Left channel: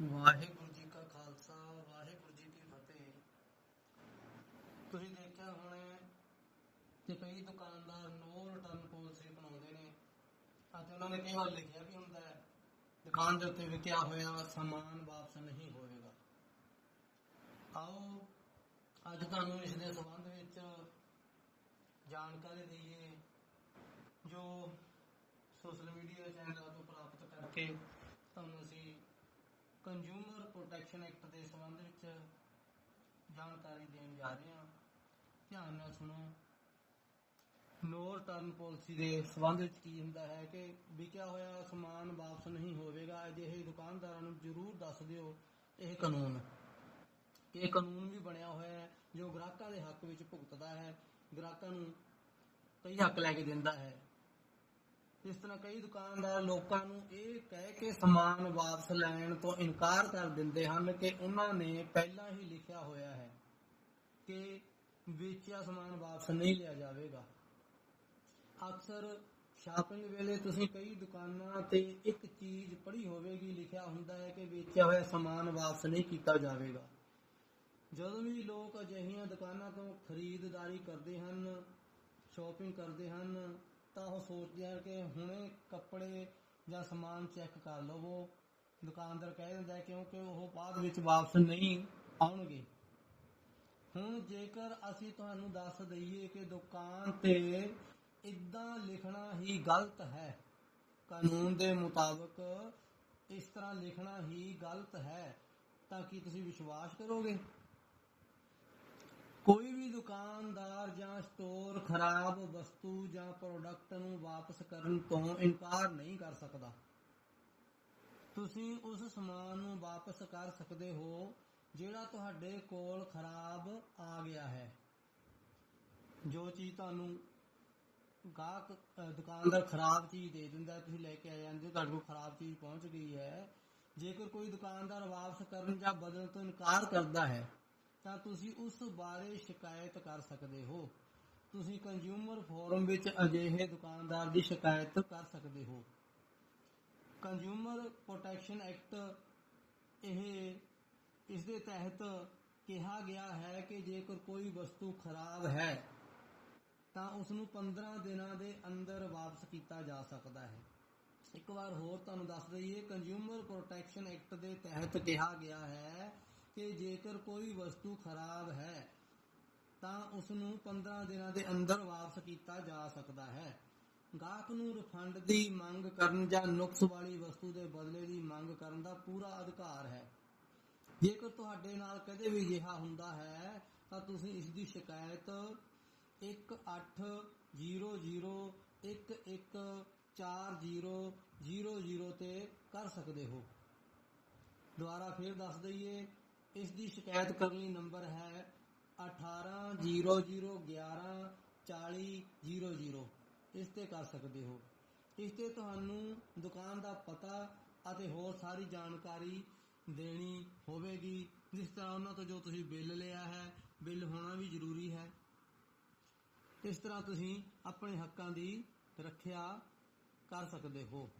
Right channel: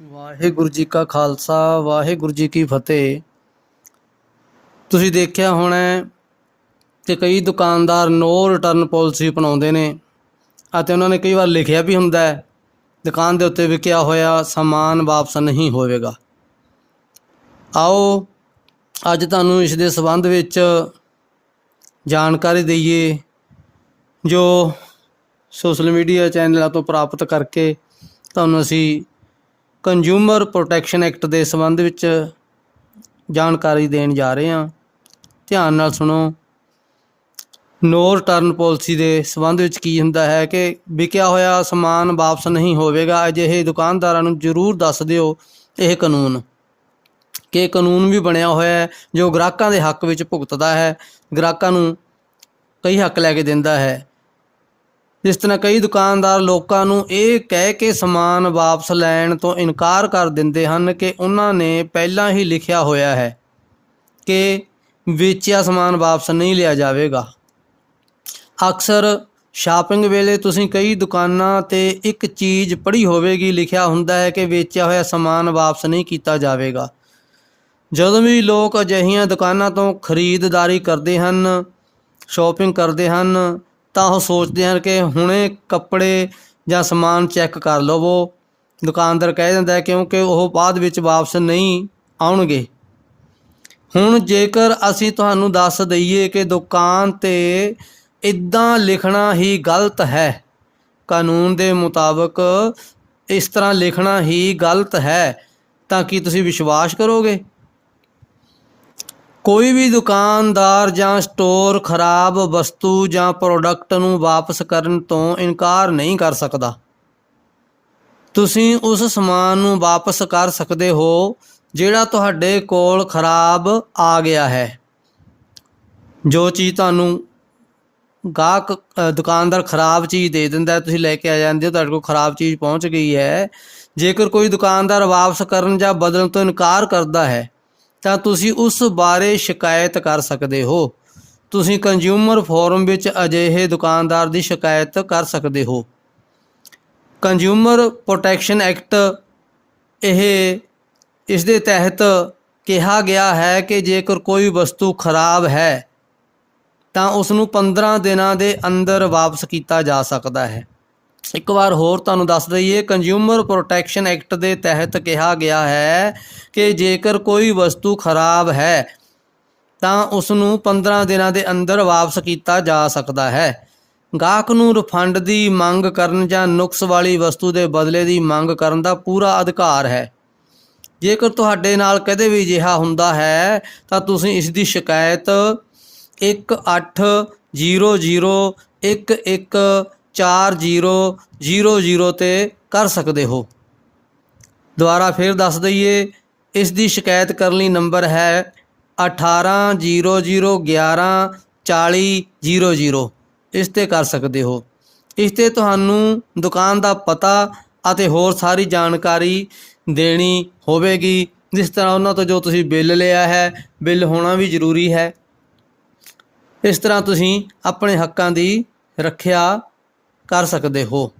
ਵਾਹਿਗੁਰੂ ਜੀ ਕਾ ਖਾਲਸਾ, ਵਾਹਿਗੁਰੂ ਜੀ ਕੀ ਫਤਿਹ। ਤੁਸੀਂ ਦੇਖਿਆ ਹੋਣਾ ਹੈ ਕਿ ਕਈ ਦੁਕਾਨਦਾਰ ਨੋ ਰਿਟਰਨ ਪਾਲਿਸੀ ਅਪਣਾਉਂਦੇ ਨੇ ਅਤੇ ਉਹਨਾਂ ਨੇ ਕਈ ਵਾਰ ਲਿਖਿਆ ਵੀ ਹੁੰਦਾ ਹੈ, ਦੁਕਾਨ ਦੇ ਉੱਤੇ ਵਿਕਿਆ ਹੋਇਆ ਸਮਾਨ ਵਾਪਸ ਨਹੀਂ ਹੋਵੇਗਾ। ਆਓ, ਅੱਜ ਤੁਹਾਨੂੰ ਇਸ ਦੇ ਸੰਬੰਧ ਵਿੱਚ ਜਾਣਕਾਰੀ ਦਈਏ, ਜੋ ਸੋਸ਼ਲ ਮੀਡੀਆ ਚੈਨਲਾਂ ਤੋਂ ਪ੍ਰਾਪਤ ਕਰਕੇ ਤੁਹਾਨੂੰ ਅਸੀਂ ਕੰਜ਼ਿਊਮਰ ਪ੍ਰੋਟੈਕਸ਼ਨ ਐਕਟ ਦੇ ਸੰਬੰਧ ਵਿੱਚ ਜਾਣਕਾਰੀ ਦੇਣ ਜਾ ਰਹੇ ਹਾਂ। ਧਿਆਨ ਨਾਲ ਸੁਣੋ। ਨੋ ਰਿਟਰਨ ਪਾਲਿਸੀ ਦੇ ਸੰਬੰਧ ਵਿੱਚ ਕੀ ਹੁੰਦਾ ਹੈ ਕਿ ਵਿਕਿਆ ਹੋਇਆ ਸਮਾਨ ਵਾਪਸ ਨਹੀਂ ਹੋਵੇਗਾ, ਅਜਿਹੇ ਦੁਕਾਨਦਾਰਾਂ ਨੂੰ ਜ਼ਰੂਰ ਦੱਸ ਦਿਓ ਇਹ ਕਾਨੂੰਨ। ਕਿ ਕਾਨੂੰਨ ਵੀ ਬਣਿਆ ਹੋਇਆ ਹੈ, ਜੋ ਗ੍ਰਾਹਕਾਂ ਦੇ ਹੱਕ ਵਿੱਚ ਭੁਗਤਦਾ ਹੈ। ਗ੍ਰਾਹਕਾਂ ਨੂੰ ਕਈ ਹੱਕ ਲੈ ਕੇ ਦਿੰਦਾ ਹੈ। ਜਿਸ ਤਰ੍ਹਾਂ ਕਈ ਦੁਕਾਨਦਾਰ ਲੋਕਾਂ ਨੂੰ ਇਹ ਕਹਿ ਕੇ ਸਮਾਨ ਵਾਪਸ ਲੈਣ ਤੋਂ ਇਨਕਾਰ ਕਰ ਦਿੰਦੇ ਹਨ ਕਿ ਉਹਨਾਂ ਨੇ ਪਹਿਲਾਂ ਹੀ ਲਿਖਿਆ ਹੋਇਆ ਹੈ ਕਿ ਵੇਚਿਆ ਸਮਾਨ ਵਾਪਸ ਨਹੀਂ ਲਿਆ ਜਾਵੇਗਾ। ਅਕਸਰ ਸ਼ਾਪਿੰਗ ਵੇਲੇ ਤੁਸੀਂ ਕਈ ਦੁਕਾਨਾਂ ਤੇ ਇੱਕ ਚੀਜ਼ ਪੜ੍ਹੀ ਹੋਵੇਗੀ, ਲਿਖਿਆ ਹੁੰਦਾ ਹੈ ਕਿ ਵੇਚਿਆ ਹੋਇਆ ਸਮਾਨ ਵਾਪਸ ਨਹੀਂ ਕੀਤਾ ਜਾਵੇਗਾ। ਜਦੋਂ ਵੀ ਲੋਕ ਅਜਿਹੀਆਂ ਦੁਕਾਨਾਂ ਤੋਂ ਖਰੀਦਦਾਰੀ ਕਰਦੇ ਹਨ, ਸ਼ਾਪਿੰਗ ਕਰਦੇ ਹਨ ਤਾਂ ਉਹ ਸੋਚਦੇ ਹਨ ਕਿ ਹੁਣੇ ਕੱਪੜੇ ਜਾਂ ਸਮਾਨ ਚੈੱਕ ਕਰ ਲਵੋ। ਦੁਕਾਨਦਾਰ ਕਹਿ ਦਿੰਦਾ ਹੈ ਕਿਉਂਕਿ ਉਹ ਬਾਅਦ ਵਿੱਚ ਵਾਪਸ ਨਹੀਂ ਆਉਣਗੇ। ਹੁਣ ਜੇਕਰ ਅਸੀਂ ਤੁਹਾਨੂੰ ਦੱਸ ਦਈਏ ਕਿ ਦੁਕਾਨ ਤੇ ਇਦਾਂ ਲਿਖਣਾ ਹੀ ਗਲਤ ਹੈ, ਕਾਨੂੰਨ ਦੇ ਮੁਤਾਬਕ ਇਸ ਤਰ੍ਹਾਂ ਲਿਖਣਾ ਹੀ ਗਲਤ ਹੈ, ਤਾਂ ਕੀ ਤੁਸੀਂ ਵਿਸ਼ਵਾਸ ਕਰੋਗੇ? ਕੋਈ ਵੀ ਦੁਕਾਨਦਾਰ ਜਾਂ ਸਟੋਰ ਖਰਾਬ ਵਸਤੂ ਜਾਂ ਪ੍ਰੋਡਕਟ ਨੂੰ ਵਾਪਸ ਕਰਨ ਤੋਂ ਇਨਕਾਰ ਨਹੀਂ ਕਰ ਸਕਦਾ। ਤੁਸੀਂ ਉਸ ਸਮਾਨ ਨੂੰ ਵਾਪਸ ਕਰ ਸਕਦੇ ਹੋ, ਜਿਹੜਾ ਤੁਹਾਡੇ ਕੋਲ ਖਰਾਬ ਆ ਗਿਆ ਹੈ। ਜੋ ਚੀਜ਼ ਤੁਹਾਨੂੰ ਗਾਹਕ ਦੁਕਾਨਦਾਰ ਖਰਾਬ ਚੀਜ਼ ਦੇ ਦਿੰਦਾ ਤੁਸੀਂ ਲੈ ਕੇ ਆ ਜਾਂਦੇ ਹੋ, ਤੁਹਾਡੇ ਕੋਲ ਖਰਾਬ ਚੀਜ਼ ਪਹੁੰਚ ਗਈ ਹੈ। ਜੇਕਰ ਕੋਈ ਦੁਕਾਨਦਾਰ ਵਾਪਸ ਕਰਨ ਜਾਂ ਬਦਲਣ ਤੋਂ ਇਨਕਾਰ ਕਰਦਾ ਹੈ ਤਾਂ ਤੁਸੀਂ ਉਸ ਬਾਰੇ ਸ਼ਿਕਾਇਤ ਕਰ ਸਕਦੇ ਹੋ। ਤੁਸੀਂ ਕੰਜ਼ਿਊਮਰ ਫੋਰਮ ਵਿੱਚ ਅਜਿਹੇ ਦੁਕਾਨਦਾਰ ਦੀ ਸ਼ਿਕਾਇਤ ਕਰ ਸਕਦੇ ਹੋ। ਕੰਜ਼ਿਊਮਰ ਪ੍ਰੋਟੈਕਸ਼ਨ ਐਕਟ ਇਹ, ਇਸ ਦੇ ਤਹਿਤ ਕਿਹਾ ਗਿਆ ਹੈ ਕਿ ਜੇਕਰ ਕੋਈ ਵਸਤੂ ਖਰਾਬ ਹੈ, ਤਾਂ ਉਸ ਨੂੰ 15 ਦਿਨਾਂ ਦੇ ਅੰਦਰ ਵਾਪਸ ਕੀਤਾ ਜਾ ਸਕਦਾ ਹੈ। ਇੱਕ ਵਾਰ ਹੋਰ ਤੁਹਾਨੂੰ ਦੱਸ ਦਈਏ ਕੰਜ਼ਿਊਮਰ ਪ੍ਰੋਟੈਕਸ਼ਨ ਐਕਟ ਦੇ ਤਹਿਤ ਕਿਹਾ ਗਿਆ ਹੈ ਕਿ ਜੇਕਰ ਕੋਈ ਵਸਤੂ ਖਰਾਬ ਹੈ, ਤਾਂ ਉਸ ਨੂੰ 15 ਦਿਨਾਂ ਦੇ ਅੰਦਰ ਵਾਪਸ ਕੀਤਾ ਜਾ ਸਕਦਾ ਹੈ। ਗਾਹਕ ਨੂੰ ਰਿਫੰਡ ਦੀ ਮੰਗ ਕਰਨ ਜਾਂ ਨੁਕਸ ਵਾਲੀ ਵਸਤੂ ਦੇ ਬਦਲੇ ਦੀ ਮੰਗ ਕਰਨ ਦਾ ਪੂਰਾ ਅਧਿਕਾਰ ਹੈ। ਜੇਕਰ ਤੁਹਾਡੇ ਨਾਲ ਕਦੇ ਵੀ ਅਜਿਹਾ ਹੁੰਦਾ ਹੈ, ਤਾਂ ਤੁਸੀਂ ਇਸ ਦੀ ਸ਼ਿਕਾਇਤ 1800114000 ਤੇ ਕਰ ਸਕਦੇ ਹੋ। ਦੁਬਾਰਾ ਫਿਰ ਦੱਸ ਦਈਏ, ਇਸ ਦੀ ਸ਼ਿਕਾਇਤ ਕਰਨ ਲਈ ਨੰਬਰ ਹੈ 1800114000 ਇਸ ਤੇ ਕਰ ਸਕਦੇ ਹੋ। ਇਸ ਤੇ ਤੁਹਾਨੂੰ ਦੁਕਾਨ ਦਾ ਪਤਾ ਅਤੇ ਹੋਰ ਸਾਰੀ ਜਾਣਕਾਰੀ ਦੇਣੀ ਹੋਵੇਗੀ। ਜਿਸ ਤਰ੍ਹਾਂ ਉਹਨਾਂ ਤੋਂ ਜੋ ਤੁਸੀਂ ਬਿੱਲ ਲਿਆ ਹੈ, ਬਿੱਲ ਹੋਣਾ ਵੀ ਜ਼ਰੂਰੀ ਹੈ। ਇਸ ਤਰ੍ਹਾਂ ਤੁਸੀਂ ਆਪਣੇ ਹੱਕਾਂ ਦੀ ਰੱਖਿਆ ਕਰ ਸਕਦੇ ਹੋ।